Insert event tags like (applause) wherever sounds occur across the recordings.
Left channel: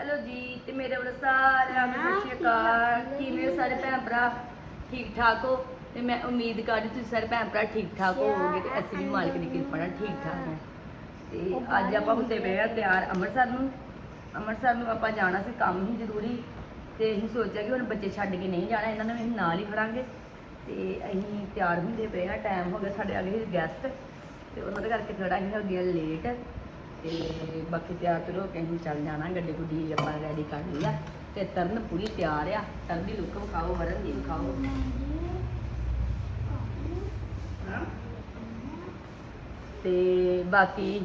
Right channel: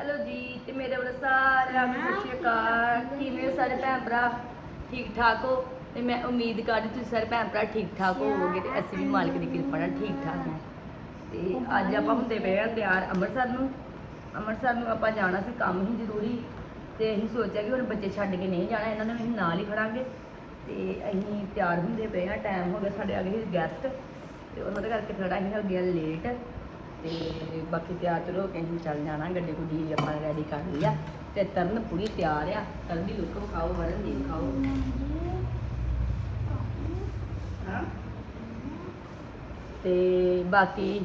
Hello ਜੀ, ਤੇ ਮੇਰੇ ਵੱਲੋਂ ਸਾਰਿਆਂ ਨੂੰ ਸਤਿ ਸ਼੍ਰੀ ਅਕਾਲ। ਕਿਵੇਂ ਹੋ ਸਾਰੇ ਭੈਣ ਭਰਾ? ਠੀਕ ਠਾਕ ਹੋ? ਤੇ ਮੈਂ ਉਮੀਦ ਕਰਦੀ ਤੁਸੀਂ ਸਾਰੇ ਭੈਣ ਭਰਾ ਠੀਕ ਠਾਕ ਹੋਵੋਗੇ ਤੇ ਅਸੀਂ ਵੀ ਮਾਲਕ ਦੀ ਕਿਰਪਾ ਨਾਲ ਠੀਕ ਠਾਕ ਹਾਂ। ਤੇ ਅੱਜ ਆਪਾਂ ਹੁੰਦੇ ਪਏ ਆ ਤਿਆਰ ਅੰਮ੍ਰਿਤਸਰ ਨੂੰ। ਅੰਮ੍ਰਿਤਸਰ ਨੂੰ ਆਪਾਂ ਜਾਣਾ ਸੀ, ਕੰਮ ਹੀ ਜ਼ਰੂਰੀ। ਤੇ ਅਸੀਂ ਸੋਚਿਆ ਕਿ ਹੁਣ ਬੱਚੇ ਛੱਡ ਕੇ ਨਹੀਂ ਜਾਣਾ, ਇਹਨਾਂ ਨੂੰ ਅਸੀਂ ਨਾਲ ਹੀ ਖੜਾਂਗੇ। ਤੇ ਅਸੀਂ ਤਿਆਰ ਹੁੰਦੇ ਪਏ ਆ ਟਾਈਮ ਹੋ ਗਿਆ ਸਾਡੇ ਆ ਗਏ ਗੈਸਟ ਤੇ ਉਹਨਾਂ ਦੇ ਕਰਕੇ ਥੋੜਾ ਅਸੀਂ ਹੋ ਗਿਆ ਲੇਟ ਤੇ ਬਾਕੀ ਤਿਆਰ ਤੁਰ ਹੋ ਕੇ ਅਸੀਂ ਚੱਲ ਜਾਣਾ, ਗੱਡੀ ਗੁੱਡੀ ਆਪਾਂ ਰੈਡੀ ਕਰ ਲਈ ਆ ਤੇ ਤਰਨ ਪੂਰੀ ਤਿਆਰ ਆ। ਤਰਨ ਦੀ ਲੁੱਕ ਵਿਖਾਓ ਵਰਨ ਦੀ ਵਿਖਾਓ। ਹਾਂ। ਤੇ ਬਾਕੀ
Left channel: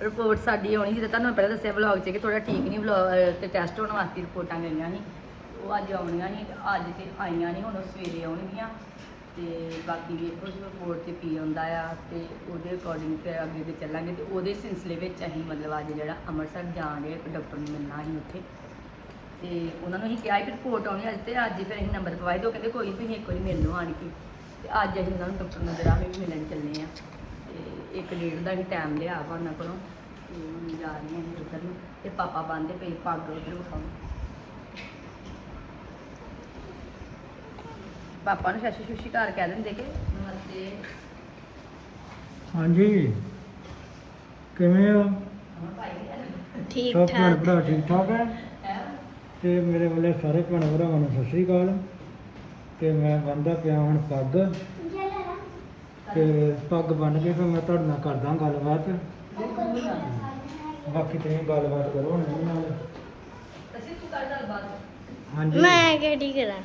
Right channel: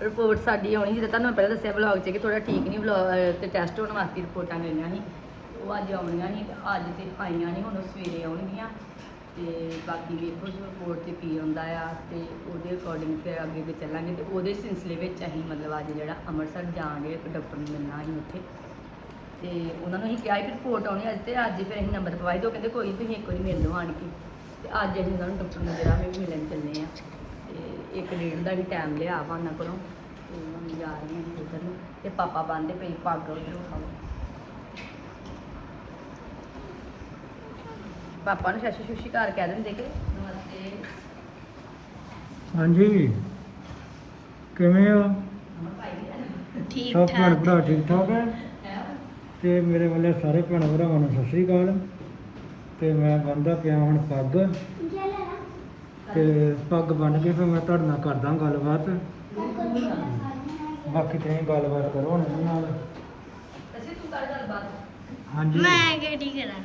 ਰਿਪੋਰਟ ਸਾਡੀ ਆਉਣੀ ਸੀ ਤੁਹਾਨੂੰ ਮੈਂ ਪਹਿਲਾਂ ਦੱਸਿਆ ਵਲੌਗ 'ਚ ਕਿ ਥੋੜਾ ਠੀਕ ਨਹੀਂ ਵਲੌਗ ਤੇ ਟੈਸਟ ਹੋਣ ਵਾਸਤੇ ਰਿਪੋਰਟਾਂ ਗਈਆਂ ਸੀ। ਉਹ ਅੱਜ ਆਉਣੀਆਂ ਸੀ, ਅੱਜ ਤੇ ਆਈਆਂ ਨਹੀਂ, ਹੁਣ ਉਹ ਸਵੇਰੇ ਆਉਣਗੀਆਂ। ਤੇ ਬਾਕੀ ਵੇਖੋ ਜੀ ਰਿਪੋਰਟ 'ਤੇ ਕੀ ਆਉਂਦਾ ਆ ਤੇ ਉਹਦੇ ਅਕੋਰਡਿੰਗ ਫਿਰ ਅੱਗੇ ਤੇ ਚੱਲਾਂਗੇ ਤੇ ਉਹਦੇ ਸਿਲਸਿਲੇ ਵਿੱਚ ਅਸੀਂ ਮਤਲਬ ਅੱਜ ਜਿਹੜਾ ਅੰਮ੍ਰਿਤਸਰ ਜਾਣਗੇ ਇੱਕ ਡਾਕਟਰ ਨੂੰ ਮਿਲਣਾ ਅਸੀਂ ਉੱਥੇ। ਤੇ ਉਹਨਾਂ ਨੂੰ ਅਸੀਂ ਕਿਹਾ ਸੀ ਰਿਪੋਰਟ ਆਉਣੀ ਅੱਜ ਤੇ ਅੱਜ ਫਿਰ ਅਸੀਂ ਨੰਬਰ ਪਵਾਏ ਤੇ ਉਹ ਕਹਿੰਦੇ ਕੋਈ ਤੁਸੀਂ ਇੱਕ ਵਾਰੀ ਮਿਲ ਲਓ ਆਣ ਕੇ। ਤੇ ਅੱਜ ਅਸੀਂ ਉਹਨਾਂ ਨੂੰ ਡਾਕਟਰ ਨੂੰ ਜਿਹੜਾ ਵੀ ਮਿਲਣ ਚੱਲੇ ਆ। ਤੇ ਇੱਕ ਡੇਢ ਦਾ ਹੀ ਟਾਈਮ ਲਿਆ ਵਾ ਉਹਨਾਂ ਕੋਲੋਂ। ਤੇ ਹੁਣ ਜਾ ਰਹੇ ਹਾਂ ਅਸੀਂ ਉੱਧਰ ਨੂੰ। ਤੇ ਪਾਪਾ ਬੰਦੇ ਪਈ ਪੱਗ ਉਧਰ। ਪਾਪਾ ਨੂੰ ਸ਼ਸ਼ੀ ਸ਼ੁਸ਼ੀ ਘਰ ਕਹਿ ਦਿੰਦੇ ਕਿ ਨਮਸਤੇ। ਹਾਂਜੀ। ਕਿਵੇਂ ਹੋ? ਠੀਕ ਸਭ ਭੈਣ ਠਾਕ ਭਰਾ ਠੀਕ ਠਾਕ ਹੈ? ਤੇ ਮੇਰੇ ਵੱਲੋਂ ਸਾਰੇ ਭੈਣ ਭਰਾਵਾਂ ਨੂੰ ਸਤਿ ਸ੍ਰੀ ਅਕਾਲ। ਤੇ ਮੈਂ ਬੰਦਾ ਪਿਆ ਹੁਣ ਪੱਗ। ਤੇ ਪੱਗ ਬੰਨ ਕੇ ਫਿਰ ਮੈਂ ਤੁਹਾਡੇ ਨਾਲ ਕਰਦਾ ਗੱਲਬਾਤ। ਬਾਕੀ ਤੁਸੀਂ ਗੱਲਬਾਤ ਕਰੋ ਹੁਣ ਮੇਰੇ ਨਾਲ। ਅਸੀਂ ਤੂੰ ਕਰ ਗੱਲ ਬਾਤ ਹਾਂਜੀ। ਮੈਂ ਕਿਹੜੀ ਕਰਾਂ?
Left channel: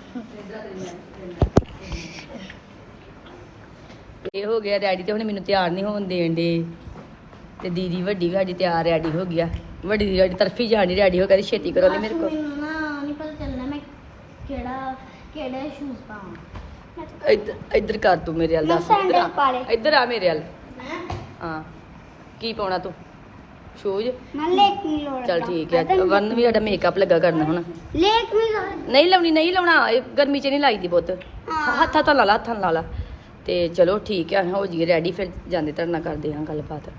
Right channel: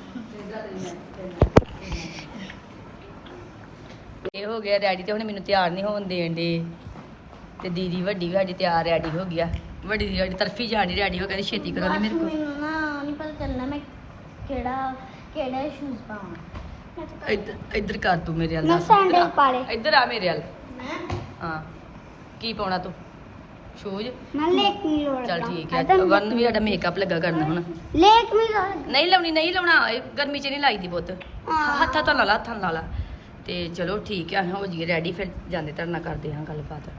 ਇਹ ਹੋ ਗਿਆ ਰੈਡੀ ਤੇ ਹੁਣ ਮੈਨੂੰ ਤਿਆਰ ਨਹੀਂ ਹੋਣ ਦੇਣ ਦੇ। ਤੇ ਦੀਦੀ ਵੱਡੀ ਵੀ ਸਾਡੀ ਤਿਆਰ ਰੈਡੀ ਹੋ ਗਿਆ ਵੱਡੀ ਦੀ ਸਾਡੀ ਤਰਫੀ ਜਾਣੀ ਰੈਡੀ ਹੋ ਗਈ ਛੇਤੀ ਕਰੋ ਨੇ ਮੇਰੇ ਕੋਲ। ਮੈਨੂੰ ਨਾ ਨਹੀਂ ਪਤਾ ਚੱਲਣਾ ਮੈਂ ਕਿਹੜਾ ਕਿਹੜੇ ਸ਼ੂਜ਼ ਪਾਵਾਂ। ਇੱਧਰ ਇੱਧਰ ਕਰ ਤੂੰ ਮੇਰੇ ਵੱਲ ਮੈਂ ਦੱਸ, ਇੱਧਰ ਆ। ਸੈਂਡਲ ਪਾ ਲਏ। ਇੱਧਰ ਆ ਮੇਰੇ ਵੱਲ। ਮੈਂ? ਹਾਂ। ਕੀ ਪਾਉਣਾ ਤੂੰ? ਸ਼ੂਜ਼? ਮੈਂ ਲੋੜ ਚਲ ਠੀਕ ਹੈ ਵਰਨ ਵੀ ਸਾਡਾ ਮੇਕਅਪ ਲੱਗਾ ਕਰਨ ਹੁਣ। ਲੋੜ ਨਹੀਂ ਲਾਉਣੀ। ਨਹੀਂ ਲਾਉਣਾ ਇਹ ਗਰਮੀ 'ਚ ਨਹੀਂ ਲਾਈਦੀ ਬਹੁਤ। ਹੱਥਾਂ ਤੋਂ ਲਾ ਲਾ ਹੱਥਾਂ ਲਾ ਲਾ। ਤੇ ਚਲੋ ਠੀਕ ਹੈ ਹੋ ਜੀ ਰੈਡੀ ਫਿਰ ਜਾਂਦੇ ਧਰਨਾ ਕਰਦੇ ਹਾਂ ਗੱਲਬਾਤ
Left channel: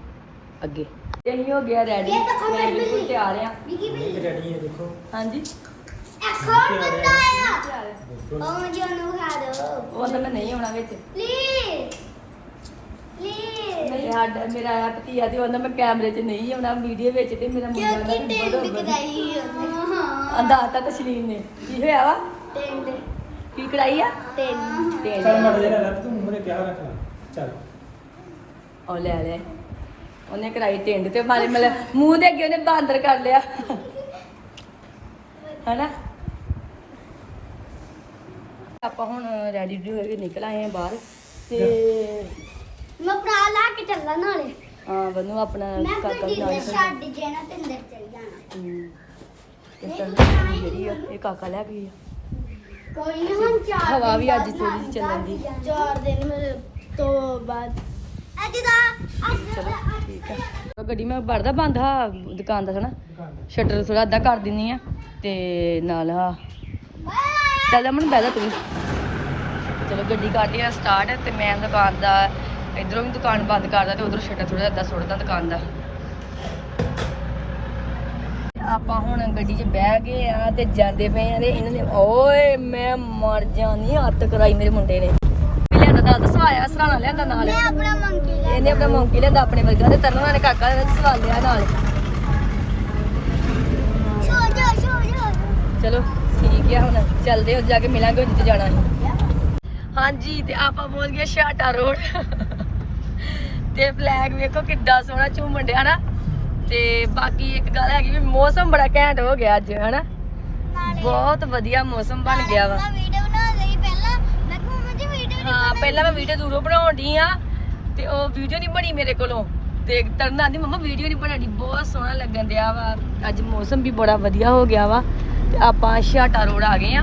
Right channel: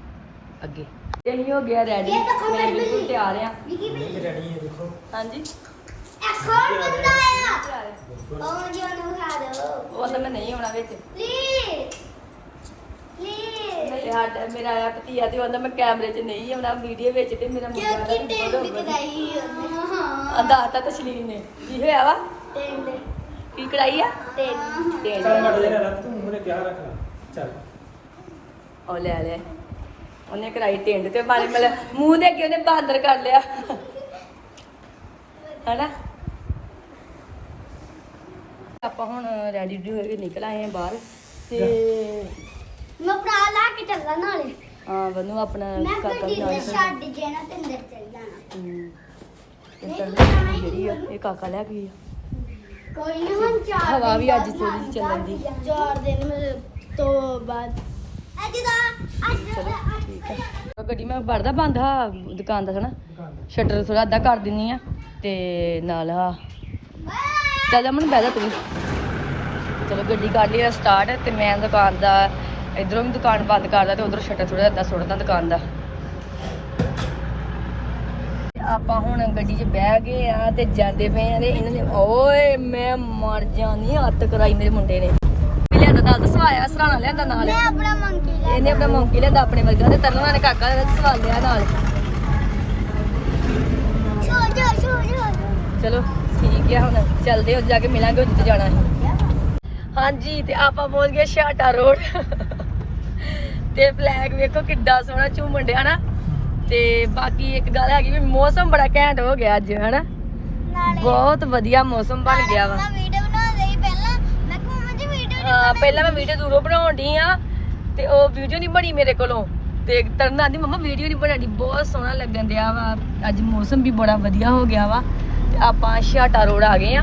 ਅੱਗੇ। ਅਸੀਂ ਹੋ ਗਿਆ ਰੈਡੀ ਮੈਂ ਬਿਲਕੁਲ ਤਿਆਰ ਆ ਰੈਡੀ ਹੈ ਦੇਖੋ। ਹਾਂਜੀ। ਉਹ ਨੂੰ ਮੈਂ ਨਹੀਂ ਆਉਣਾ ਵਿੱਚ। ਸਾਡਾ ਮੇਰਾ ਆਇਆ ਭਤੀਆ ਤੇ ਉਹਦਾ ਮੈਂ ਕੈਮਰੇ 'ਚ ਨਹੀਂ ਆਉਣਾ ਵੀਡੀਓ ਵਿੱਚ ਤੇ ਮੇਰਾ ਮੁੰਡਾ ਦਾ ਵੀ ਬੜਾ ਹਾਂ ਅੰਦਾਤਾ ਤਸ਼ਲੀਨ ਨੇ। ਕੀ ਹੋਇਆ ਵਾ? ਕੀ ਕੜਾਈ ਆ? ਤਿੰਨ। ਤੇ ਜਿਹੜਾ ਰੱਖ ਤੂੰ ਮੇਰੇ ਕਿਆ ਰੱਖ। ਚੱਲ। ਉਹ ਲੈ ਲਿਆ ਉਹਨੇ ਕੜਾਈ ਟਿੰਡ ਤੇ ਮਾਰੇ ਮਤਲਬ ਮੂੰਹ ਦੇ ਅੱਗੇ ਉਹਨੇ ਬਾਂਦਰ ਕਰ ਲਿਆ। ਹਨਾ? ਆਪਾਂ ਹੁਣ ਰੈਡੀ ਹੋ ਕੇ ਨਿਕਲ ਆਏ ਆ ਬਾਹਰ ਤੇ ਮੈਂ ਭਰਾ ਲਾ ਕੇ ਚੱਲਣਾ ਨਾਲੇ। ਆ ਬਨੂ ਆਪਣਾ ਮੈਂ ਪਾਪਾ ਗੱਡੀ ਜੀ ਤੇ ਨਾਲ। ਛੱਡ ਜੇਣਾ ਤੇ ਅੰਦਰ ਚੱਲ ਜਾਣਾ। ਹਮ, ਇਹ ਤਾਂ ਜਾਣਾ ਹੀ ਜਿਹੜੀ ਆ, ਅੰਦਰ। ਇਹ ਕਾਕਾ ਲੈ ਵੀ ਕੋਈ ਨਾ ਹੁਣ ਚਾਰ ਹਵਾ ਦਿਨ ਵੀ ਅੱਜ ਬਾਅਦ ਥੋੜੀ ਜਿਹੀ ਚੱਲਣ ਦੀ। ਚਾਰ ਦਿਨ ਮੇਰੇ ਤੋਂ ਬਾਅਦ। ਅੱਜ ਦਾ ਚਲੋ ਠੀਕ ਹੈ ਗੱਡੀ ਮੈਂ ਵੜਦਾ ਬੰਦ ਹਾਂ ਦੁਕਾਨ ਦਾ ਥੋੜਾ ਸ਼ਟਰ ਥੋੜਾ ਅੱਧਾ ਕਰ ਦਿੰਨੀ ਆ ਤੇ ਨਾਲ ਆ। ਚੱਲ ਅਮਨ ਬਹਿ ਜਾ ਤੂੰ। ਚਲੋ ਗੱਡੀ ਕਰ ਲਈ ਸਟਾਰਟ ਤੇ ਮੈਂ ਦੁਕਾਨ ਦਾ ਇਧਰੋਂ ਵੀ ਦੁਕਾਨ ਬੰਦ ਕਰਦਾ ਤੇ ਉਧਰੋਂ ਸ਼ਟਰ ਥੋੜਾ ਅੱਧਾ ਸੁੱਟਦਾ ਦੁਕਾਨ ਦਾ। ਆਪਾਂ ਹੁਣ ਗੱਡੀ 'ਚ ਬਹਿ ਗਏ ਆ ਤੇ ਜਾਂਦੇ ਪਏ ਆ ਤੇ ਇਹਨਾਂ ਨੇ ਓਏ ਮੈਂ ਮਰ ਜਾਣੀ ਹੱਥ ਕਰਾਈ ਮੇਰੇ ਮੁੰਡੇ ਨੇ। ਲਿਆਂਦਾ ਨਾਲ ਸਵਾਇਆ ਸਰਾਣਾ ਲਿਆਂਦਾ ਨਾਲ। ਇਹਨੇ ਆਪਣਾ ਮੌਕੀ ਲੈਂਦਾ ਆਪਣੇ ਵਰਗਾ ਤੇ ਤਰਨਾ ਨੇ ਕਾਕਾ ਨੇ ਸਵਾਲ ਲਿਆ ਨਾਲ। ਚਲੋ ਠੀਕ ਹੈ ਹੁਣ ਚੱਲਦੇ ਹਾਂ ਜਾ ਕੇ ਮਿਲਾਂਗੇ ਜਿੱਥੇ ਜਾਣਾ ਹੈ ਹਾਂਜੀ ਤੇ ਆਪਾਂ ਪਹੁੰਚ ਗਏ ਸ਼ਾਟਾ ਰੋਡ। ਤੇ ਫਲੈਗ ਵੇਖੋ ਕਿੱਡਾ ਸੋਹਣਾ ਝੂਮਣ ਡਿਆ ਨਾ ਤੇ ਬਾਕੀ ਇੱਕ ਗੱਲ ਹੈਗੀ ਵੀ ਮੌਸਮ ਬੜਾ ਘੈਂਟ ਹੋ ਗਿਆ ਅੱਜ ਹਨਾ? ਬਹੁਤ ਵਧੀਆ ਮੌਸਮ ਬਣ ਗਿਆ ਵਾ। ਹਾਂ ਪਹਿਲਾਂ ਮੈਂ ਵੀਡੀਓ ਦੂਰੋਂ ਬਣਾਉਣ ਡਈ ਆ ਤੇ ਉਹ ਵੀਡੀਓ ਨਹੀਂ ਬਣੀ ਮੇਰੇ ਕੋਲੋਂ। ਤੇ ਤਰਨਾ ਦੀ ਮੰਮਾ ਵੀਡੀਓ ਨਹੀਂ ਬਣਾਣੀ ਬਹੁਤ ਸੋਹਣਾ ਲੱਗਣ ਡਿਆ ਵਾ। ਅੱਜ ਮੌਸਮ ਵੀ ਬੜਾ ਵਧੀਆ ਹੋ ਗਿਆ ਵਾ। ਤੇ ਆਪਾਂ ਛਾਟਾ ਰੋਡ ਆ ਗਏ ਆ।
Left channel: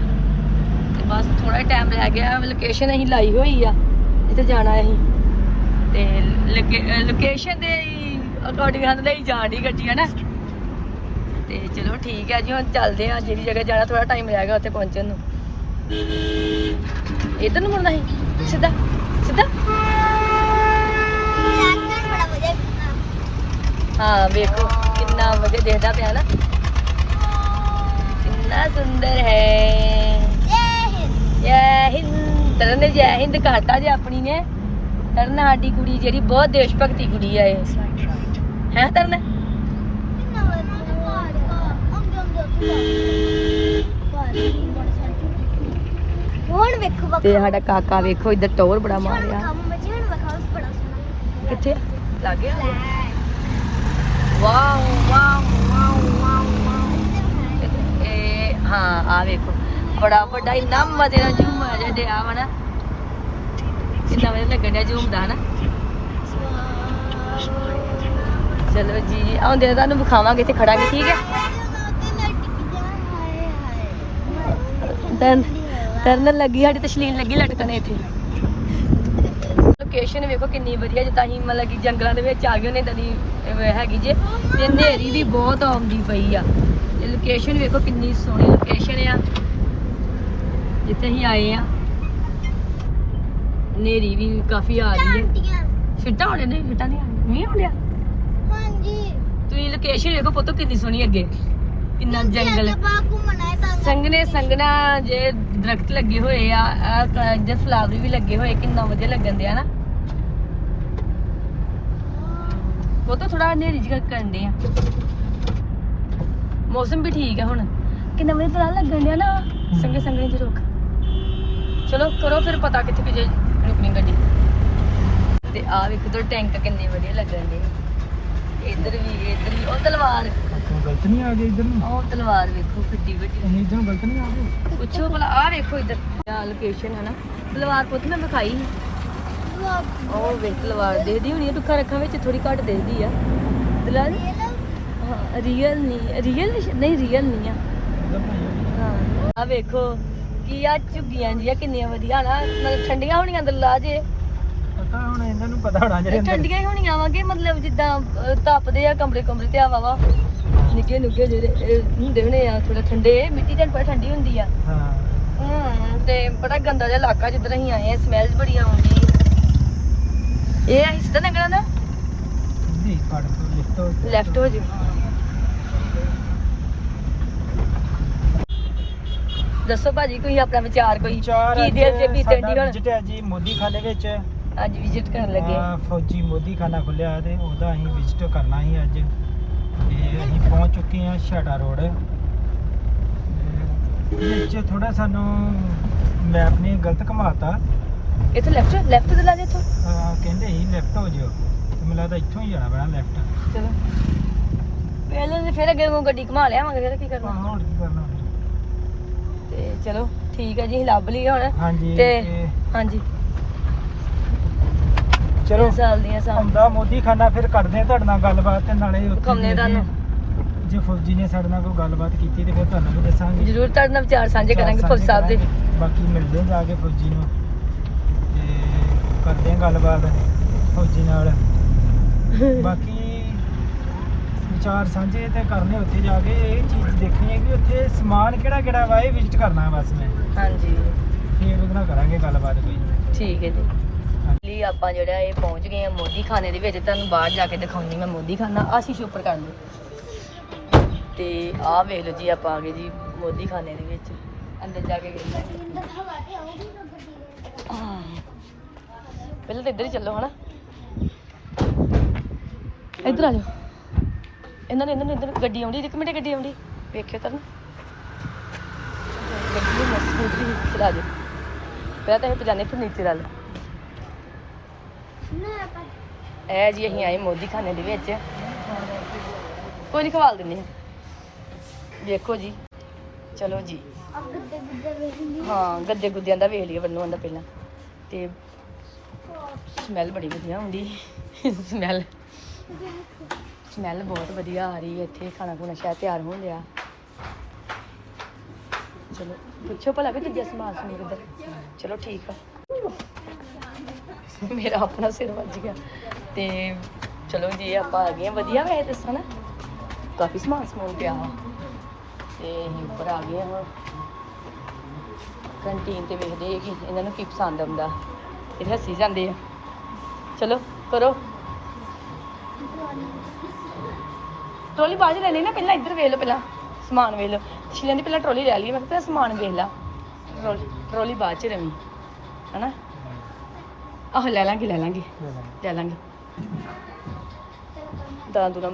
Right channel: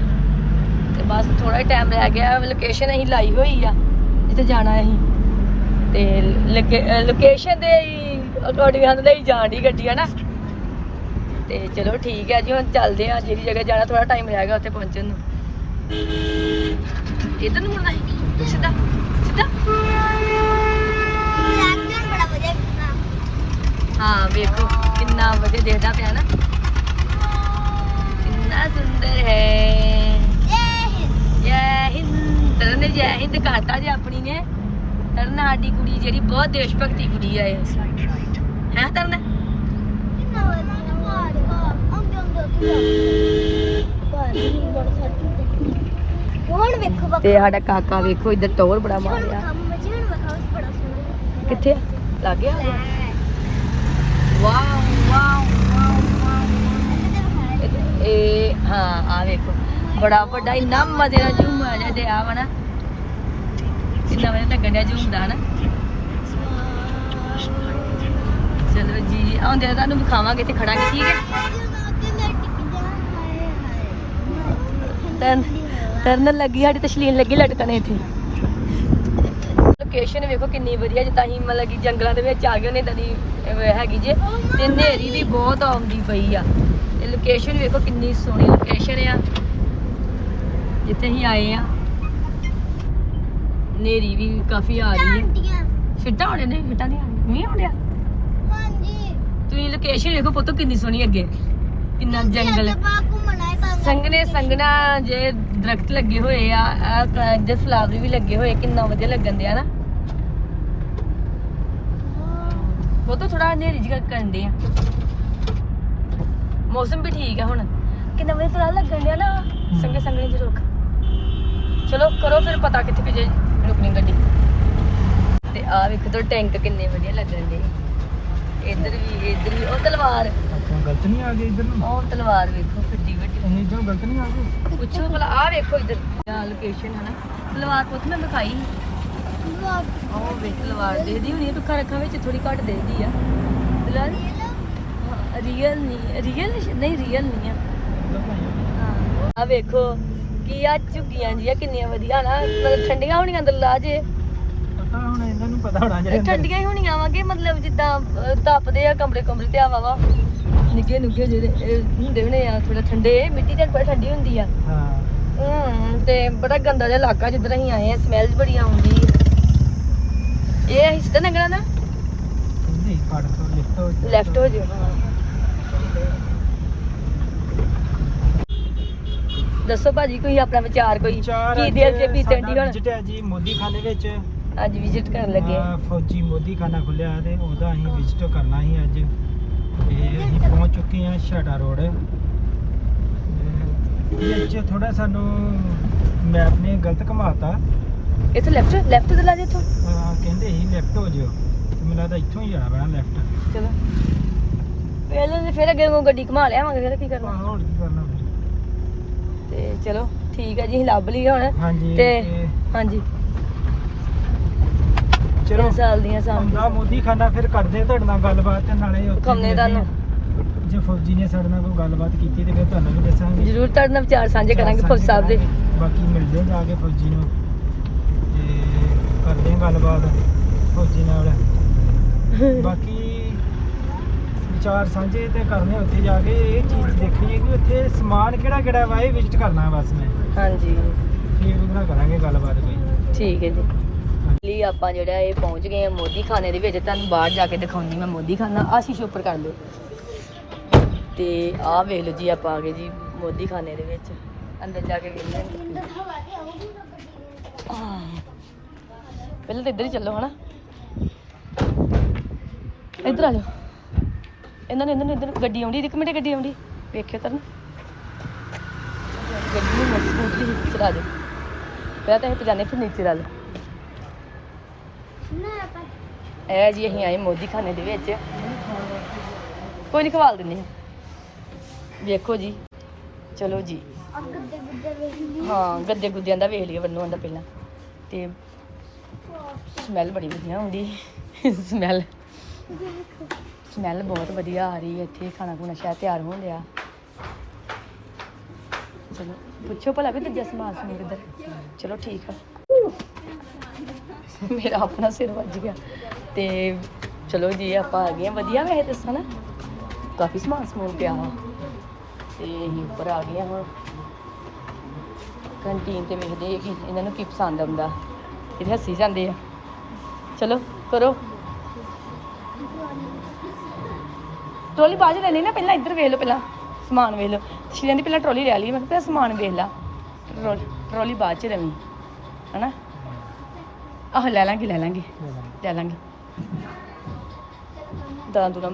ਤੇ ਬਸ ਥੋੜਾ ਟਾਈਮ ਰਹਿ ਗਿਆ ਲੋਕੇਸ਼ਨ ਅਸੀਂ ਲਾਈ ਹੋਈ ਆ। ਜਿੱਥੇ ਜਾਣਾ ਅਸੀਂ। ਤੇ ਲੋਕੇਸ਼ਨ ਦੇ ਅਕੋਰਡਿੰਗ ਹਨ ਲਈ ਜਾਂਦੀ ਗੱਡੀ ਹੈ ਨਾ। ਤੇ ਚਲੋ ਠੀਕ ਹੈ ਜੀ ਹੁਣ ਚੱਲਦੇ ਆ। ਜਿਹੜੀ ਜਗ੍ਹਾ ਜਾਣਾ ਥੋੜਾ ਟਾਈਮ ਲੱਗੇਗਾ ਉੱਥੇ ਪਹੁੰਚਣ ਨੂੰ। ਇਧਰ ਨੂੰ ਮੁੜਨਾ ਹੈ ਸਿੱਧਾ ਸਿੱਧਾ? ਹਾਂ ਵੇਖੋ ਕਿੰਨਾ ਵਧੀਆ ਦੇਖਦਾ ਪਿਆ ਨਾ। ਕਿੰਨਾ ਸੁੰਦਰ ਹੈ। ਜੈ ਹਿੰਦ। ਤਰਨ ਜੈ ਹਿੰਦ ਘਾਟਾ ਜੇ ਆਪਣੀ ਨੇ। ਤਰਨ ਸਾਡੀ ਕੁੜੀ ਜਿਹੜੀ ਬਹੁਤ ਦੇਸ਼ ਭਗਤੀ ਕੁੜੀ ਆ ਇਹ। ਹੈ ਤਰਨ? ਹੁਣ ਵੇਖੋ ਬੱਕਾ ਤੇ ਸਾਡਾ ਕਾਕਾ ਵੇਖੋ ਇੱਧਰ ਟੌਰ ਬੜਾ ਹੁਣ ਮਾਰਿਆ ਵਿਖਾਓ ਮੱਝੀ ਹੁਣ ਵਿਖਾਓ ਬੜਾ ਸੋਹਣਾ। ਕਿੱਥੇ? ਆ? ਲੱਗ ਗਿਆ ਵਾਓ ਵਾਓ ਵਾਓ ਵਾਓ ਇਹ ਹਾਂ ਆ ਵੇਖੋ। ਬੜਾ ਵੱਡਾ ਇੰਨਾ ਮਜ਼ੇ ਨਾਲ ਝੂਮ ਆ ਡਿਆ ਵਾ ਨਾ। ਕਿੰਨਾ ਵਧੀਆ ਲੱਗਣ ਡਿਆ ਝੂਮਦਾ ਹਨਾ? ਚਲੋ ਜੀ ਆਉਂਦੇ ਆ ਤੁਹਾਨੂੰ ਵਿਖਾਵਾਂਗੇ ਤੇ ਖੜਾ ਜੀ ਠੀਕ ਹੈ? ਤਰਨ ਤਰਨ ਲੱਗੀ ਸਾਡੀ ਤਸਲੀਨ ਲੱਗੀ ਲਟਕਣ ਇੱਥੇ। ਲੋਕੇਸ਼ਨ ਵੇਖੋ ਕਿੰਨੀ ਵਧੀਆ ਜਿੱਦਾਂ ਅਸੀਂ ਮਤਲਬ ਕਿ ਜੰਗਲਾਂ ਦੇ ਵਿੱਚ ਆ ਗਏ ਨੇ ਤਾਂ ਦੀ ਹੈਗੀ ਜੇ। ਤੇ ਹਨੇਰੀ ਵੀ ਬਹੁਤ ਆਉਂਦੀ ਪਈ ਆ। ਤੇ ਲੋਕੇਸ਼ਨ ਵੇਖੋ ਕਿੰਨੀ ਸੋਹਣੀ ਲੋਕੇਸ਼ਨ ਆ। ਜਿੱਥੇ ਅਸੀਂ ਆਏ ਆ। ਹਨੇਰੀ ਵੀ ਕਾਫੀ ਆ ਰਹੀ ਹੈ। ਛੁੱਟਾ ਹੋਣੇ ਨੇ ਛੁੱਟਾ ਨਹੀਂ ਮੀਂਹ ਹੋ ਗਿਆ ਤੁਸੀਂ ਲੋਕੇਸ਼ਨ ਵੇਖੋ ਪੁੱਤ ਕਿੰਨੀ ਸੋਹਣੀ ਅੱਗੇ। ਕਿੰਨਾ ਜੰਗਲ। ਸੰਗਨੇ ਸੰਗਣਾ ਜੇ ਦਰਖਤ ਲੱਗੇ ਹੋਏ ਆ ਜੇ ਫਲਾਵਰ ਵੀ ਲੱਗੇ ਹੋਏ ਕਿੰਨਾ ਵਧੀਆ ਲੱਗਣ ਦਿਆ ਨਾ। ਉਹ ਤਾਂ ਥੋੜਾ ਹਨੇਰੀ ਜਿਹਾ ਕਰਨ ਦੇ ਆ। ਮੌਸਮ ਵੀ ਠੀਕ ਹੈ ਹੁਣ। ਕਿੰਨਾ ਵਧੀਆ ਲੱਗਣ ਦਿਆ ਨਾ। ਸੰਗੇ ਸੰਗਣੇ ਦੇ ਰੁੱਖ। ਚਲੋ ਕਰੋ ਫਿਰ ਪਤਾ ਕਿੱਥੇ ਜੇ ਰੁਕਣੀ ਗੱਡੀ। ਤੇ ਆ ਵੀ ਉਧਰ ਟੈਂਕ ਕਿੰਨੇ ਵਧੀਆ ਲੱਗਣ ਦੇ। ਇੱਧਰ ਵੀ ਇੱਧਰ ਵੀ ਉਹ ਤਲਵਾਰ। ਗਲਤ ਨਹੀਂ ਆ ਗਈ ਇੱਧਰ ਨੂੰ ਉਹ ਤਲਵਾਰ ਵੇਖੋ ਕਿੱਡੀ ਵੱਡੀ। ਅਸੀਂ ਇੱਧਰ ਗਲਤ ਨਹੀਂ ਆ ਗਏ? ਪੁੱਛੋ ਭਲਾ ਆ ਵੇਖੋ ਇੱਧਰ। ਲੋਕੇਸ਼ਨ ਹੈ ਨਾ। ਤਲਵਾਰ ਪੁੱਤ ਮੈਂ ਵਿਖਾਈ। ਉਹ ਵੇਖ ਤਲਵਾਰ ਦੇਖਦੀ ਹੋਣੀ ਆ ਟੁੱਕਾ ਰੱਖਾਂ ਵਿੱਚ ਥੋੜੀ ਘੱਟ ਦਿੰਦੀ ਆ। ਦਲਾਲੀ ਰੀਅਲ ਨਹੀਂ ਰੀਅਲ ਨਹੀਂ ਰੀਅਲ ਨਹੀਂ ਆ। ਆ। ਵੇਖੋ। ਝੁੱਗੀਆਂ ਕਿੰਨੀਆਂ ਵਧੀਆ ਨਾ ਮਤਲਬ ਠੰਡੀਆਂ ਹੋਣੀਆਂ ਦਲਾ ਜੇ। ਪਤਾ ਹੁਣ ਇਹਨਾਂ ਨੂੰ ਪਤਾ ਹੋਣਾ ਜਿਹੜੇ ਅੰਦਰ। ਠੰਡੀਆਂ ਹੀ ਹੋਣੀਆਂ ਵਾਂਗੇ ਮਤਲਬ ਜਿੱਦਾਂ ਅਹ, ਤਪਦੇ ਆ ਕਮਰੇ ਕਮਰੇ ਤੇ ਨਿੱਕੇ ਨਿੱਕੇ ਜਿਹੜੇ ਇਹ ਹੁੰਦੇ ਨੇ ਆ ਥੋੜਾ ਠੰਡੇ ਮਿੱਟੀ ਤੇ ਬੜੀ ਠੰਡੀ ਹੁੰਦੀ ਆ। ਹਾਂ। ਹਮ, ਤੇ ਬੜਾ ਗੰਦਾ ਜਿਹਾ ਇਲਾਕਾ ਜਿੱਧਰ ਅਸੀਂ ਆਏ ਸਮੈਲ ਬੜੀ ਆਉਂਦੀ ਇਹ ਇਸ ਤਰ੍ਹਾਂ ਨਿਕਲਦਾ ਨਾ ਨਹੀਂ ਪੜ ਤੋਂ ਲਿਖਤ ਹੋ ਜਾਏ। ਲੈਫਟ ਹੋ ਜਿਓ ਦੱਸੋ ਭਾਜੀ ਕੋਈ ਆਪਣਾ ਵਿਚਾਰ ਕੋਈ ਚਾਰ ਕੀ ਅੱਜ ਦੇਰ ਜੇ ਬੀਤੇ ਸਾਡਾ ਹੁਣ? ਵਿਜ਼ਿਟ ਹੈ ਜੀ ਮੋਦੀ ਖਾਨੇ ਵਿੱਚ। ਅੱਜ ਵਿਜ਼ਿਟ ਕਰਨ ਲੱਗੇ। ਆ ਫੌਜੀ ਮੋਦੀ ਖਾਨਾ ਖੁੱਲਿਆ ਤੇ ਉਹਦਾ ਅਸੀਂ ਵਿਜ਼ਿਟ ਕਰਨਾ ਸੀ ਅੱਜ। ਤੇ ਅਸੀਂ ਪਹੁੰਚ ਚੁੱਕੇ ਹਾਂ ਛਾਟਾ ਰੋਡ। ਵਿੱਚ ਥੋੜਾ ਸਾਨੂੰ ਮੈਪ ਨੇ ਗਲਤ ਘਮਾਤਾ। ਇੱਥੇ ਲੈਫਟ ਲੈਫਟ ਤੇ ਲਾ ਦੇ ਇੱਥੋਂ। ਅਹ ਕਹਿੰਦੇ ਸੀ ਲੈਫਟ ਹੋ ਜਿਓ। ਤੇ ਮੈਨੂੰ ਲੱਗਦਾ ਇੱਥੋਂ ਹੀ ਜਾਣਾ ਪੈਣਾ ਲੈਫਟ ਚਲੋ। ਪਹਿਲਾਂ ਫਿਰ ਅੱਗੇ ਉਹ ਗੱਡੀ ਘੁਮਾ ਲਿਆਵਾਂਗੇ ਫਿਰ ਕੀ ਕਰਨਾ? ਆਹ ਹੁਣ ਕੀ ਕਰਨਾ? ਤੇ ਚਲੋ ਠੀਕ ਹੈ ਜੀ ਲੱਭ ਲਈ ਹੁਣ। ਹਾਂਜੀ ਤੇ ਹਾਂਜੀ। ਚਲੋ ਸਾਲ ਦੀਆਂ ਸਾਲ। ਆਉਂਦਾ ਮੋਦੀ ਖਾਨਾ ਫਿਰ ਕਰਦੇ ਆ ਤੁਹਾਡੇ ਨਾਲ ਗੱਲਬਾਤ ਤੇ ਨਾਲੇ ਉੱਥੇ ਦਿਖਾਉਂਦੇ ਤੁਹਾਨੂੰ। ਦੇਖਦੇ ਜੇ। ਫੌਜੀ ਨੇ ਸਾਡੇ ਨਾਲ ਕੋਈ ਗੱਲਬਾਤ ਕੀਤੀ ਤੇ ਫਿਰ ਤੁਹਾਨੂੰ ਵੀ ਦੱਸਾਂਗੇ। ਜ਼ਰੂਰ ਤੁਹਾਡੇ ਨਾਲ ਵਿਚਾਰ ਸਾਂਝੇ ਕਰਾਂਗੇ ਫੌਜ ਸਾਹਿਬ ਦੇ। ਬਾਕੀ ਮਿਲਦੇ ਜਾ ਕੇ ਫੌਜੀ ਨੂੰ। ਤੇ ਕਰਦੇ ਆ ਗੱਲਬਾਤ ਫੌਜੀ ਨਾਲ। ਬਾਕੀ ਵਿਚਾਰ ਸਾਂਝੇ ਤੇ ਕਰਨੇ ਉੱਥੇ ਜਾ ਕੇ ਇਹ ਚੀਜ਼ ਦੇਖਣੀ ਹੈ ਕਿ ਉੱਥੇ ਸਮਾਨ ਕਿਹੜਾ ਕਿਹੜਾ ਵਾ ਇਹ ਵਿਜ਼ਿਟ ਕਰਨਾ ਬਸ ਮੈਂ। ਹਾਂਜੀ। ਫਿਰ ਉਹਦੇ ਨਾਲ ਕਰਾਂਗੇ ਗੱਲਬਾਤ ਕੋਈ। ਠੀਕ ਹੈ ਜੀ। ਲਈ ਆਪਾਂ ਜਿਹੜਾ ਇਹ ਪਹੁੰਚ ਗਏ ਆ ਮੋਦੀ ਖਾਨੇ ਦੇ ਵਿੱਚ ਤੁਹਾਨੂੰ ਬਾਹਰ ਜਾ ਕੇ ਦਿਖਾਉਂਦੀ ਮੈਂ ਮੋਦੀ ਖਾਨਾ ਆ ਸ਼ੀਸ਼ੇ ਉੱਪਰ ਕਰ ਲਿਓ। ਤੇ ਆਹ ਵੇਖ ਲਓ ਜੀ ਆਪਾਂ ਆ ਗਏ ਜੀ ਮੋਦੀ ਖਾਨੇ ਦੇ ਵਿੱਚ। ਅੰਦਰ ਜਾ ਕੇ ਵੇਖ ਲਓ। ਪਹਿਲੇ ਤਾਂ ਇੱਧਰ ਹੀ ਚੱਲੋ ਹਨਾ। ਇੱਧਰ ਆ ਜਾਓ। ਇਹਨਾਂ ਨੇ ਇਹਨਾਂ ਨੇ ਇੱਧਰ ਗੱਡੀ ਆਉਂਦੀ ਇੱਕ ਮਿੰਟ ਗੱਡੀ ਆਉਂਦੀ। ਵੇਖਿਓ ਤਾਂ ਪਹਿਲਾਂ ਤਾਂ ਉਹ ਜਾਣੇ ਫਿਰ ਨੀਚੇ ਵਾਲੇ ਇਹ ਜੀ ਅਸੀਂ ਆਏ ਮੋਦੀ ਖਾਨੇ ਦੇ ਵਿੱਚ। ਕੋਈ ਨਹੀਂ ਖਵਾਲ ਦਿੰਦੇ ਹਾਂ। ਵੇਖੋ ਜੀ। ਚਲੋ ਜੀ। ਗੱਦੇ ਗੁੱਦੇ ਵੇਖਣੀ ਹਾਂ, ਗੱਦੇ ਗੁੱਦਿਆਂ ਦਾ ਵੇਖ ਲਈਏ ਬੰਨੋਂ ਦਾ ਪਹਿਲਾਂ। ਤੇ ਸਮੈਲ ਬੜੀ ਵਧੀਆ ਆਉਂਦੀ ਸਮੈਲ (laughs) ਸਮੈਲ ਬਹੁਤ ਵਧੀਆ ਆ ਰਹੀ ਹੈ, ਇੱਥੇ ਖਾਣਾ ਪੀਣਾ ਸ਼ਾਇਦ ਤਿਆਰ ਹੋ ਗਿਆ ਚਲੋ, ਪੁੱਛੋ ਭਲਾ ਵੀ ਕਿੱਦਾਂ ਸਮਾਨ ਸਮੂਨ ਕਿੱਧਰ ਚਲੋ ਠੀਕ ਆ। ਮੇਰਾ ਆਪਣਾ ਸਿਰ ਵੱਜ ਗਿਆ। ਤੇ ਚਲੋ ਜੀ, ਆਪਾਂ ਆ ਗਏ ਵਧੀਆ ਵੇ ਤੁਸੀਂ ਬਾਕੀ ਸਮਾਨ ਸਮੂਨ ਪਿਆ ਵਾ। ਤੇ ਅਸੀਂ ਆ ਗਏ ਹਾਂ ਕੰਟੀਨ ਤੇ ਵੇਖਦੇ ਕਿ ਇਹਨਾਂ ਨੂੰ ਕੀ ਪਸੰਦ ਆਉਂਦਾ। ਇਹ ਹੱਸੀ ਜਾਂਦੇ ਚਲੋ, ਕਰੋ। ਟਰੋਲੀ ਬਾਅਦ ਚ ਲੈਣੀ ਨਾ ਪਹਿਲਾਂ ਇੱਧਰ ਵੇਖ ਲਓ ਪਹਿਲਾਂ ਸਮਾਨ ਵੇਖ ਲਓ। ਸ਼ੀਲਾਂ ਦੀ ਪਹਿਲਾਂ ਟਰੋਲੀ ਲੈ ਲਈ ਮੈਂ ਕਿਹਾ ਸਮਾਨ ਵੇਖ ਲੈ। ਟਰੋ- ਟਰੋਲੀ ਬਾਅਦ ਚ ਲੈਣੀ ਹਨਾ? ਆਹ ਲੈ ਲਾਂਗੇ ਲੈ ਲਾਂਗੇ ਲੈ ਲਾਂਗੇ। ਲੈ ਲਾਂਗੇ। ਦਾਲ ਦੂਰਾ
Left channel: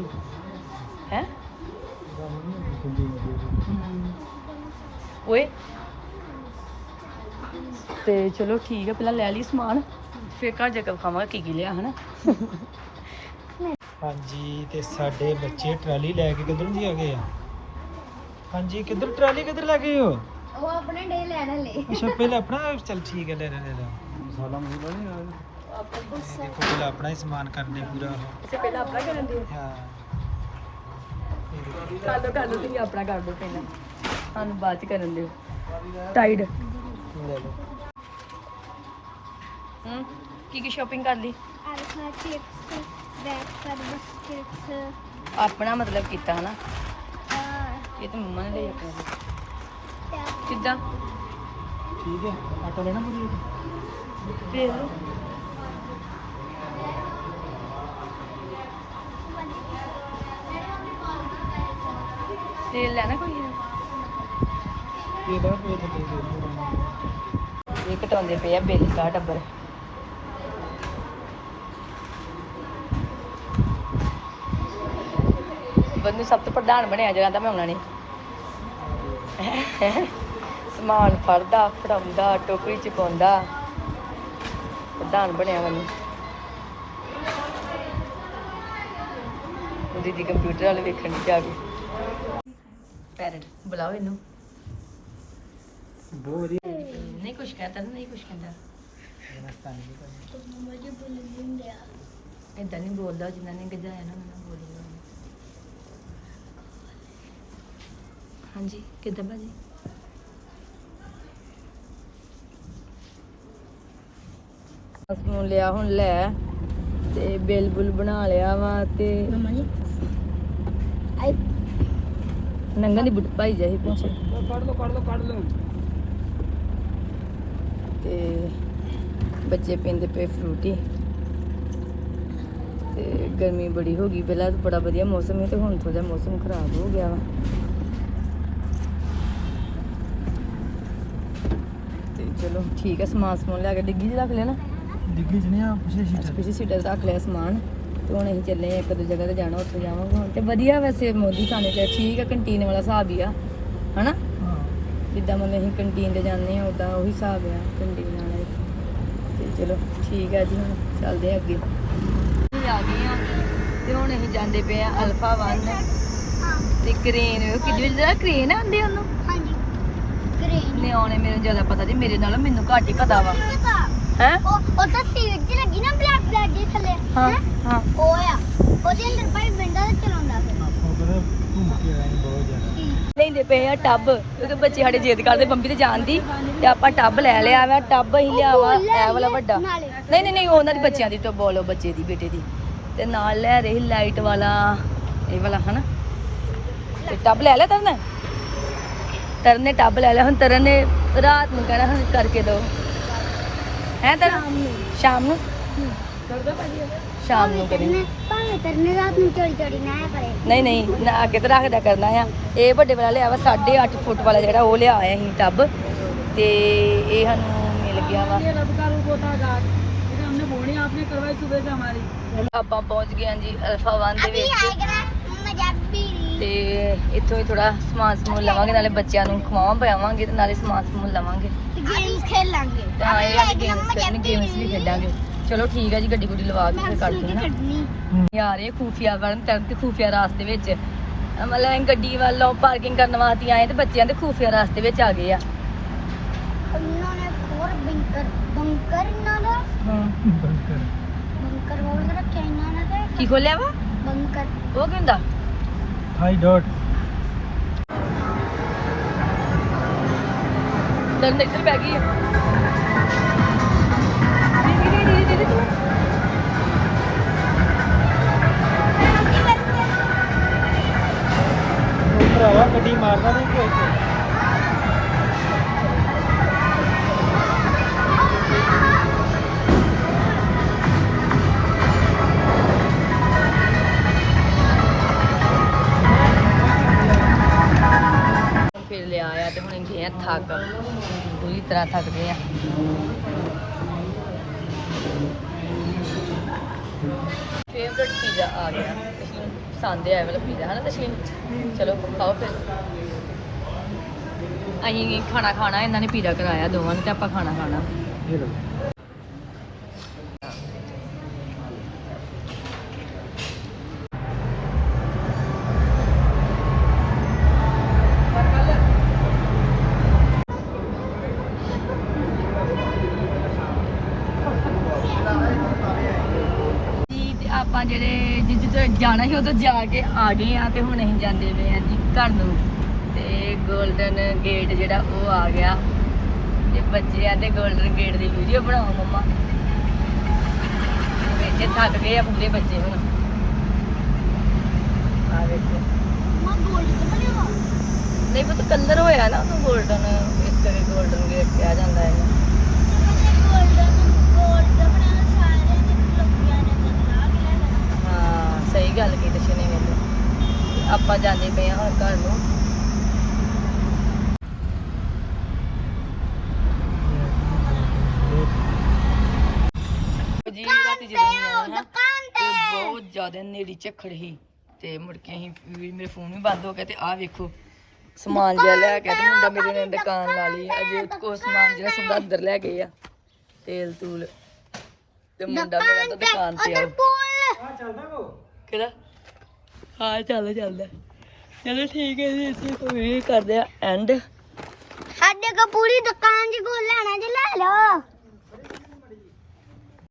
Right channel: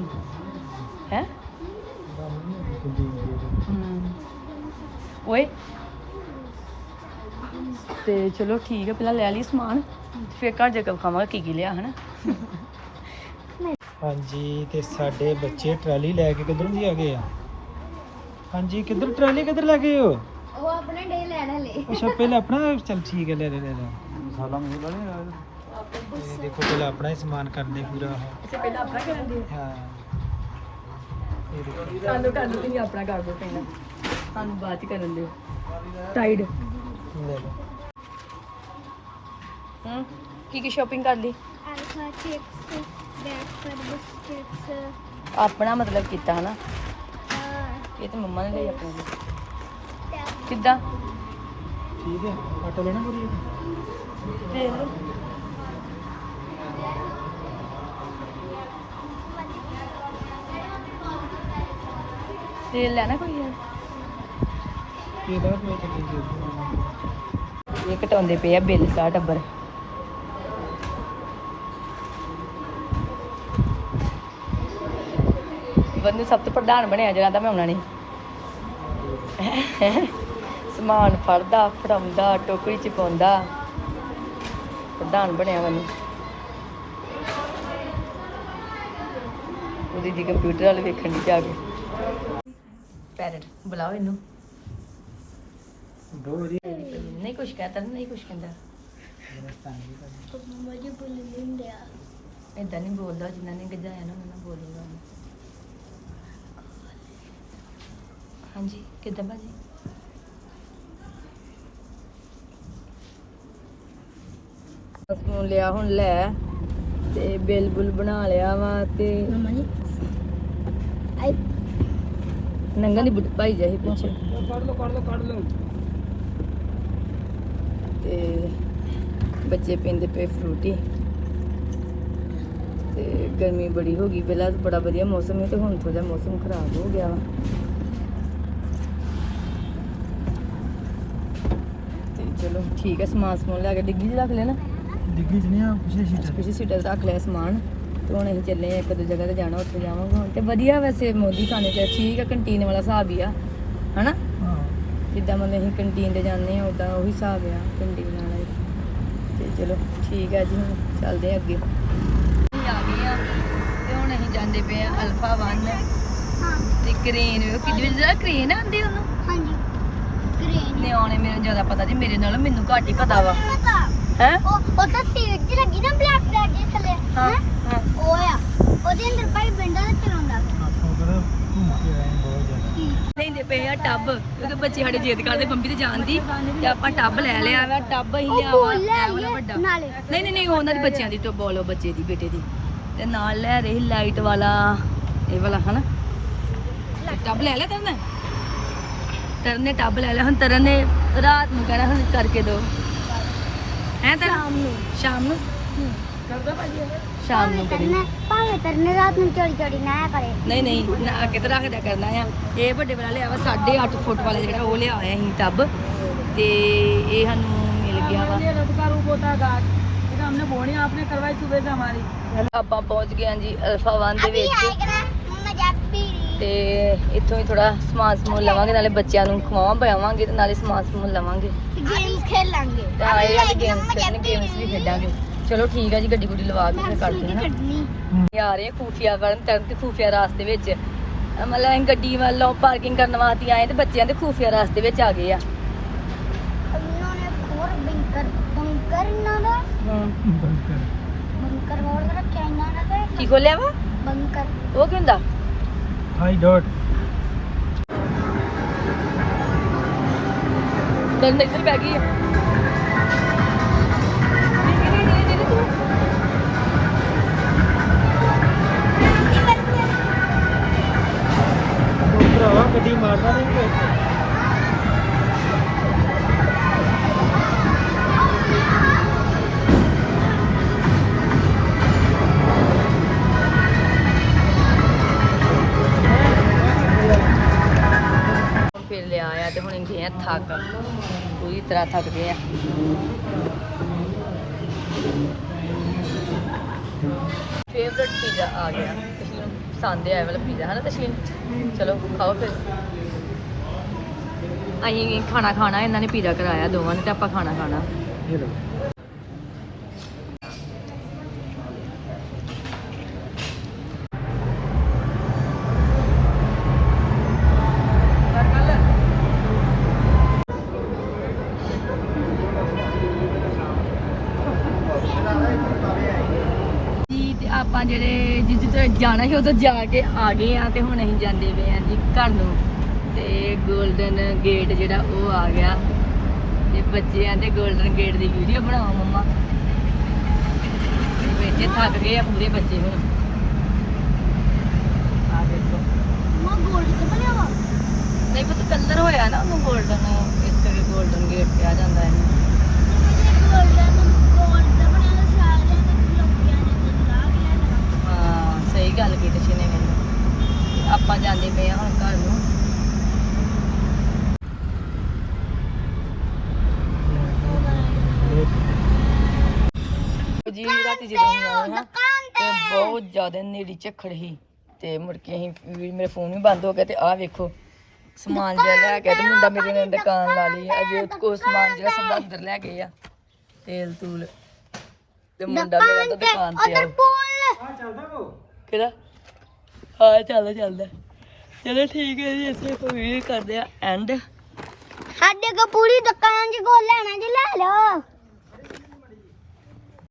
ਹੈ? ਓਏ। ਤੇ ਚਲੋ ਠੀਕ ਹੈ ਪਹਿਲਾਂ ਲੈ ਲਈ ਸਮਾਨ ਫੇਰ ਘਰ ਜਾ ਕੇ ਖਾਵਾਂਗੇ ਕੀ ਕੀ ਲਿਆ ਹਨਾ? ਹਾਂਜੀ ਤੇ ਸਾਡੇ ਬੱਚੇ ਟਰਾਲੀ ਲੈ ਕੇ ਕਿੱਧਰ ਨੂੰ ਆ ਗਏ ਆ? ਹਾਂਜੀ ਕਿੱਧਰ ਟਰਾਲੀ ਕਿੱਧਰ ਲੈ ਗਏ ਹੋ? ਉਹ ਆਪਣੇ ਡੇ ਲੈਣਾ ਲੈ ਅੱਛਾ ਪਹਿਲਾਂ ਆਪਣਾ ਚਲ ਠੀਕ ਹੈ ਲੈ ਲੈ ਲੈ ਲੈ। ਮਸਾਲਾ ਮਸਾਲਾ ਨਹੀਂ ਇਹ ਦੇਖੋ ਪਹਿਲਾਂ ਆਪਣਾ ਹੀ ਸਮਾਨ ਕਰਦੇ ਪੂਰਾ। ਕਰ ਲੋ ਕਰ ਲੋ ਤੁਸੀਂ ਆਪਣਾ ਕਰ ਦੋ ਚੰਗਾ ਸਾਨੂੰ ਬਾਅਦ ਚ ਕਰਨ ਦਿਓ। ਟਾਈਡ ਹੂੰ ਕੀ ਕੀ ਸ਼ਾਪਿੰਗ ਕਰ ਲਈ? ਆਲਫਾ ਚਿਪਸ ਬੈਕ ਕਰ ਬਿਸਕਟਸ ਆਪਣਾ ਮਤਲਬ ਕੀਤਾ ਹੈ। ਨਾ ਇਹ ਤਾਂ ਮੰਮਾ ਨੇ ਲਈ ਆਪਣਾ ਕਿੱਦਾਂ? ਠੀਕ ਹੈ ਆਟਾ ਲੈਣਾ ਪੂਰੀ ਫੇਰ? ਤੇਲ ਲੈਣਾ ਕੋਈ ਇਹਦਾ ਕੋਈ ਇਹ ਘਟਾਉਂਦੇ ਪਏ ਆ ਬਿੱਲ ਦਾ ਟੱਬਰ। ਸਭ ਤੋਂ ਪ੍ਰਧਾਨ ਬਣਿਆ ਜਿਹੜਾ ਦਾ ਮੈਂ ਨੇ। ਸਮਾਨ ਫੜਦਾ ਫੜਾਉਂਦਾ ਟੋਪੀ ਚ ਪਾਉਂਦਾ ਪ੍ਰਧਾਨ ਬਣਿਆ ਗੰਦੀ ਦੀਦੀ ਕੰਪਿਊਟਰ ਵਾਲੇ ਦੇਖਣ ਪੈਰਟ ਬੁਲਾਓ ਇਹਨੂੰ। ਨਹੀਂ ਕੁਛ ਕਹਤਾ ਨਹੀਂ ਕੁਛ ਕਹਿੰਦਾ। ਏਦਾਂ ਨਹੀਂ ਬੋਲਦਾ ਜਿਨ੍ਹਾਂ ਨੇ ਗਜਾਇਆ ਨਾ ਉਹਨਾਂ ਨੂੰ ਬੋਲੂਗਾ ਉਹਨੇ। ਹਾਂਜੀ ਕਿੱਦਾਂ ਭਾਜੀ? ਬਸ ਨੂੰ ਲਿਆ ਹੁਣ ਲੈ। ਤੇ ਬਿੱਲ ਬੁੱਲ ਬਣਾ ਲਿਆ ਵਾ ਤੇ ਨੰਗਾ ਨਹੀਂ ਭਾਈ ਜਾਈ ਪਿੱਛੇ। ਤੇ ਬੱਚੇ ਪੀਂਦੇ ਪਏ ਫਰੂਟੀ। ਤੇ ਗਰਮੀ ਬੜੀ ਹੋ ਗਈ ਪਹਿਲਾਂ ਬੜਾ ਵਧੀਆ ਮੌਸਮ ਹੈ ਤੇ ਹੁਣ ਥੋੜਾ ਮੌਸਮ ਖਰਾਬ ਹੋ ਗਿਆ ਵਾ ਤੇ ਚਲੋ ਠੀਕ ਹੈ ਸਮਾਨ ਸਮੂਨ ਲਿਆ ਕੇ ਡਿੱਗੀ 'ਚ ਰੱਖ ਲੈਣਾ। ਡਿੱਗੀ ਚ ਨਹੀਂ ਆ ਪਿੱਛੇ ਸੀ ਕਿਸੇ ਸੀਟਰ ਰੱਖ ਲਿਆ ਸਮਾਨ। ਤੇ ਹੁਣ ਅਸੀਂ ਚੱਲੇ ਆ ਇੱਕ ਦੋ ਜਗ੍ਹਾ ਤੇ ਜਾਣਾ ਉੱਥੇ ਜਾਵਾਂਗੇ ਹੁਣ। ਤੇ ਵਧੀਆ ਵੈਸੇ ਮੋਦੀ ਖਾਣੇ ਤੇ ਠੀਕ ਆ ਕੰਟੀਨ ਵਾਲਾ ਹਿਸਾਬ ਹੀ ਆ। ਹਨਾ? ਹਾਂ। ਜਿੱਦਾਂ ਮਤਲਬ ਅਸੀਂ ਕੰਟੀਨ ਤੇ ਜਾਂਦੇ ਆ ਉਦਾਂ ਉਹੀ ਹਿਸਾਬ ਆ ਕੰਟੀਨ ਵਾਲੇ ਤੇ ਚਲੋ ਠੀਕ ਆ ਜੀ ਹੁਣ ਚੱਲਦੇ ਆ ਅੱਗੇ। ਆ ਗਏ ਆ ਤੇ ਹੁਣ ਅਸੀਂ ਜਾਂਦੇ ਪਏ ਆ ਅਲਫਾ 1 ਤੇ ਕਰੇਨ ਕਿੱਡੀ ਜਿਹੜਾ ਕਰੇਨ ਆਂਦੇ ਉਹਨੂੰ। ਨਿਆਣੇ ਮੈਨੂੰ ਜ਼ਿਆਦਾ ਪਤਾ ਨਹੀਂ ਮੇਰੇ ਨਾਲੋਂ ਮੈਨੂੰ ਘੱਟ ਹੀ ਪਤਾ ਵਾ। ਹੈ? ਉਹ ਉਹ ਤਾਂ ਸੀਟ ਜੀ ਲੱਗੀ ਨਾ ਬਲੈਕ ਬਲੈਕ ਦੇ ਥੱਲੇ ਹਾਂ ਹੈਂ? ਹਾਂ। ਉਹ ਆ। ਉਹਦੇ ਅੰਦਰ ਪਰ ਵਿੰਡੋ ਤੇ ਚਲਾਉਂਦਾ। ਉਧਰ ਧੂਪ ਹੈ ਬਹੁਤ ਜ਼ਿਆਦਾ ਲੈਂਦੇ ਪਏ ਆ ਟੱਬ। ਕਿਉਂਕਿ ਬੱਚੇ ਸਾਡੇ ਜਿੱਦ ਕਰਦੇ ਬੰਬੀ ਤੇ ਜਾਣ ਦੀ ਤੇ ਆਪਾਂ ਟੱਬ ਲੈ ਲਿਆ ਵਾ ਟੱਬ ਵਾਲਾ ਵੱਡਾ। ਨਹੀਂ ਨਹੀਂ ਨਹੀਂ ਉਹਨਾਂ ਦੀ ਬੱਚਿਆਂ ਦੀ ਤੋਂ ਬੋਲੋ ਬੱਚੇ ਦੀ ਬੇਟੇ ਦੀ। ਤੇ ਨਾਲ ਲੈ ਰਹੀ ਲਾਈਟ ਵਾਲਾ ਇਹ ਵਾਲਾ ਹਨਾ? ਟੱਬ ਲੈ ਲਿਆ ਤਰਨ ਤਰਨ ਨੇ ਟੱਬ ਲੈ ਲਿਆ ਹੁਣ ਤਰਨ ਨੇ ਰਾਤ ਨੂੰ ਕਹਿਣਾ ਹੁਣ ਕਰਕੇ ਦੋ। ਹੈ ਤਰਨ? ਸ਼ਾਮ ਨੂੰ। ਕਰਦਾ ਭਾਜੀ ਸ਼ਾਮ ਨੂੰ ਕਰੀ। ਕਰਨੇ ਭਾਵੇਂ ਕਰਨੇ ਰਾਤ ਨੂੰ ਚੋਰੀ ਚੋਰੀ ਨਾ ਆਇਆ ਕਰੇ। ਨਹੀਂ ਨਹੀਂ ਨਾ ਅੱਗੇ ਤਾਂ ਰੱਖਦਾ ਕਰਨਾ ਆ। ਇਹ ਵੱਡੇ ਵਾਲਾ ਲਿਆ ਵਾ 8.5 ਫੁੱਟ ਵਾਲਾ ਜਿਹੜਾ ਉਹ ਲਿਆ ਆਇਆ ਸੀ ਟੱਬ। ਤੇ ਇਹ ਸਾਨੂੰ ਮਿਲ ਗਿਆ ਵਾ। ਆਪਾਂ ਪਹੁੰਚ ਗਏ ਹਾਂ ਜੀ ਅਲਫਾ 1 ਦੇ ਵਿੱਚ। ਤੇ ਇੱਥੋਂ ਹੀ ਥੋੜਾ ਸਮਾਨ ਸਮੂਨ ਲਵਾਂਗੇ ਨਾਲੇ ਬੱਚਿਆਂ ਨੂੰ ਖਵਾਵਾਂ ਪਿਆਵਾਂਗੇ ਤੇ ਨਾਲੇ ਸਮਾਨ ਸਮੂਨ ਲਵਾਂਗੇ। ਗੇਮਸ ਖੇਲਾਂਗੇ। ਤੇ ਆਏ ਆ ਗੇਮਸ ਖੇਡਣੇ ਗੇਮਸ ਵੀ ਖੇਡਾਂਗੇ। ਚਲੋ ਠੀਕ ਹੈ ਜੀ ਗੱਡੀ ਗੁੱਡੀ ਲਵਾ ਕੇ ਹਾਂ। ਕੱਢਣੀ ਯਾਰ ਇਹ ਖੂਫੀਆ ਕਰਨ ਤੱਕ ਤੇ ਖੂਫੀਆ ਰਾਸਤੇ ਵਿੱਚ। ਮਤਲਬ ਅਸੀਂ ਗੱਡੀ ਵੱਲੋਂ ਪਾਰਕਿੰਗ ਕਰਨ ਵਾਸਤੇ ਆਏ ਤੇ ਬੱਚਿਆਂ ਦੇ ਖੂਫੀਆ ਰਾਸਤੇ ਵਿੱਚ ਆ ਗਏ ਆ। ਕੀ ਖੋਲਿਆ ਵਾ? ਉਹ ਗੰਦਾ ਹਾਈ ਡਾਟ ਤੇ ਨਿਕਲ ਪੈ ਗਈ ਭਰਾਵਾ ਗੱਡੀ ਮਾਰਦਾ ਨਹੀਂ ਅਸੀਂ ਖਾਣਾ ਖਾਣਾ, ਇਹਨਾਂ ਨੇ ਪੀਜ਼ਾ ਕਰਾਇਆ ਦੋਵਾਂ ਨੇ ਤੇ ਆਪਾਂ ਖਾਣਾ ਖਾਣਾ। ਆਪਾਂ ਜਿਹੜੇ ਜਿੱਥੇ ਜਾਣਾ ਸੀ ਉਦੋਂ ਜਾ ਕੇ ਆ ਗਏ ਆ ਤੇ ਹੁਣ ਅਸੀਂ ਜਾਂਦੇ ਪਏ ਆ ਜੀ ਘਰ ਨੂੰ। ਗੋਲਡਨ ਗੇਟ ਜਿਹੜਾ ਉਹ ਆ ਗਿਆ। ਤੇ ਬੱਚੇ ਆਂਦੇ 골ਡਨ ਗੇਟ ਦੀ ਵੀਡੀਓ ਬਣਾਓ ਮੰਮਾ। ਵੇਖੇ ਥੱਕ ਗਏ ਆ ਪੂਰੇ ਬੱਚੇ ਹੁਣ। ਆ ਵੇਖੋ। ਮਾ 골ਡਨ ਕਲਰ ਆ ਨਹੀਂ ਪਤਾ ਕਲਰ ਹੋਇਆ ਨਾ ਉਹ 골ਡਨ ਇਸ ਤਰ੍ਹਾਂ 골ਡਨ ਗੇਟ ਕਿਹਾ ਜਾਂਦਾ ਹੈ ਹਾਂ ਸਹੀ ਗੱਲ ਕੀਤੀ ਆਪਾਂ ਜਾਂਦੇ ਪਏ ਹਾਂ ਹੁਣ ਘਰ ਨੂੰ। ਜੀ ਰਾਤੀ ਦੁਕਾਨ ਤੇ ਬਹੁਤ ਜ਼ਿਆਦਾ ਨੇੜੀ ਝੱਖੜ ਸੀ। ਤੇ ਮੁੜ ਕੇ ਅਸੀਂ ਵੀ ਮੇਰੇ ਫੋਨ ਵੀ ਬੰਦ ਹੋ ਗਿਆ ਤੇ ਆਹ ਵੇਖੋ ਸਮਾਨ ਜਿਹਾ ਲੈ ਕੇ ਤੇ ਮੁੰਡਾ ਮੇਰੇ ਨੇ ਦੁਕਾਨ ਲਾ ਲਈ। ਅਜੇ ਕੋ ਸਮਾਨ ਜਿਹੜਾ ਸਭ ਅੰਦਰ ਲੈ ਗਏ ਆ ਤੇਲ ਤੂਲ। ਤੇ ਮੁੰਡਾ ਮੇਰਾ ਤਾਂ ਦੁਕਾਨ ਤੇ ਆ। ਕਿਹੜਾ? ਹਾਂ ਚੱਲ ਚੱਲਦਾ ਚਲੋ ਠੀਕ ਹੈ ਜੀ ਅਸੀਂ ਕੋਈ ਵੀਡੀਓ ਕਰਦੇ ਆ ਐਂਡ ਸਾਡੇ ਕੋ ਪੂਰੀ ਦੁਕਾਨ ਚ ਗੋਲ ਲੈਣਾ ਜੀ ਲੈ ਲਓ।